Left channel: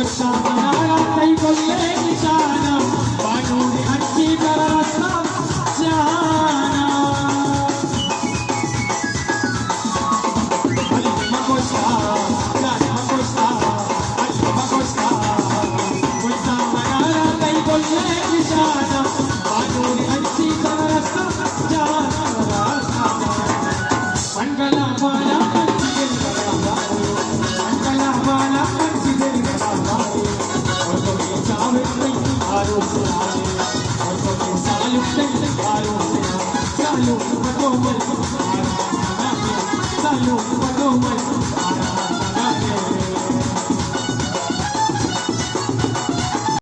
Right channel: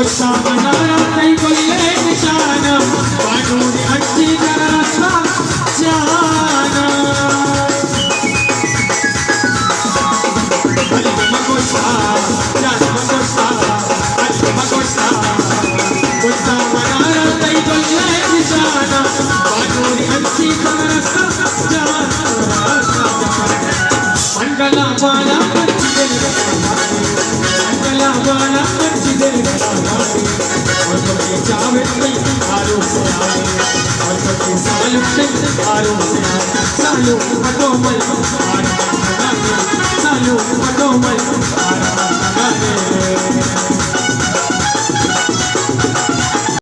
गुस्सा बनाया नहीं बोले निशाना कानून अच्छी तरह रखा जाना अली मगोसा जान मगोसा अली मगोसा गुस्सा बनाया नहीं बोले निशाना कानून अच्छी तरह रखा जाना मंगला वाला मंगला वाला Salud,